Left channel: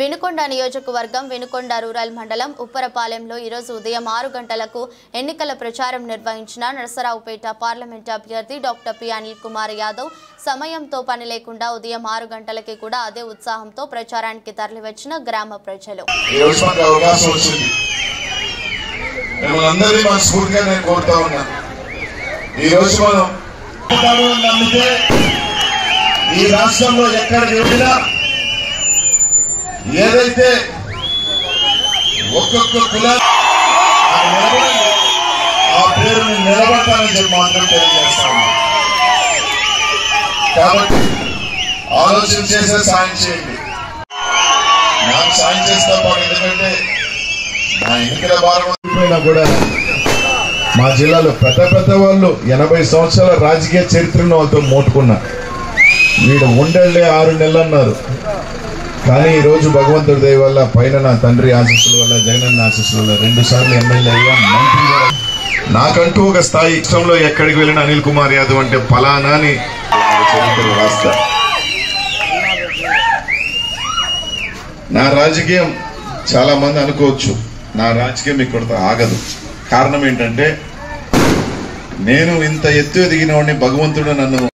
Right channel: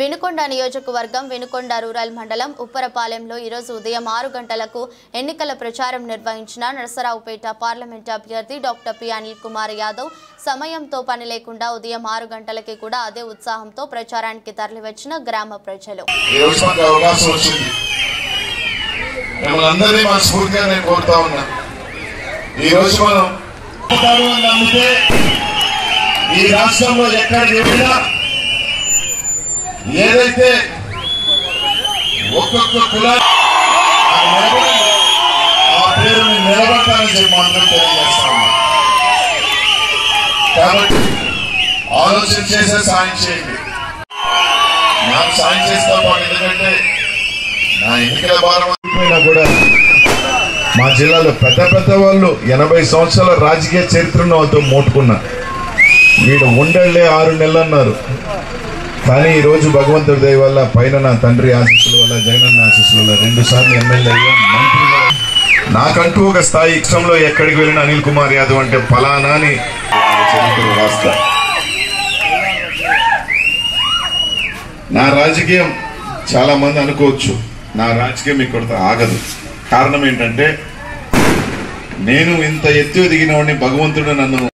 వినుకొండ నియోజకవర్గం వినుకొండ రూరల్ మండలం ఉప్పరపాలెంలో ఈ రోజు ఉదయం 6 గంటలకు ఎన్నికల ప్రచారం నిర్వహించిన నరసరావుపేట పార్లమెంట్ అభ్యర్థి డాక్టర్ పి అనిల్ కుమార్ యాదవ్ సమయంతో పని లేకుండా ఉదయం 6 గంటలకి కూడా అదే ఉత్సాహంతో ప్రచారానికి తరలివచ్చిన గ్రామ ప్రజలు ఏదైతే ఒక్కొక్క కులాన్ని ఆ పేరుని నిలబెట్టాలని చెప్పి మాత్రం తెలియజేస్తాను. కాబట్టి ఆలోచన చేసే సాయం చేయండి. నాకు సాయం చేస్తా పాటు ఎందుకంటే నా ఎన్నికల భారం కూడా మా జిల్లాలో పెద్ద వాళ్ళు 80 సంవత్సరాల రాజకీయ చరిత్రను వాళ్ళతో మోటుకున్నా. వీడు ఉండలే 6 నెలలు అన్నారు. కానీ ఈ రోజు భగవంతుడి దయ వల్ల పైన నా తండ్రి ఆశీస్సుల వల్ల జగనన్న ఆశీస్సుల వల్ల 2 సార్లు ఎమ్మెల్యే అయ్యా, మంత్రిగా. నాకంటూ ఒక స్థాయి ఇష్టంలో ఎక్కడికి వెళ్ళిన అనిల్ కుమార్ యాదవ్ అంటే ఫలానా అని చరిత్ర రాస్తా. నా రాజకీయం చాలా మంది అనుకోవచ్చు, నా రాజకీయం ఇక్కడితో ఆగదు. కారణం ఏంటంటే నేను ఇంత ఎత్తు ఎదిగిన వాడిని భగవంతుడు నన్ను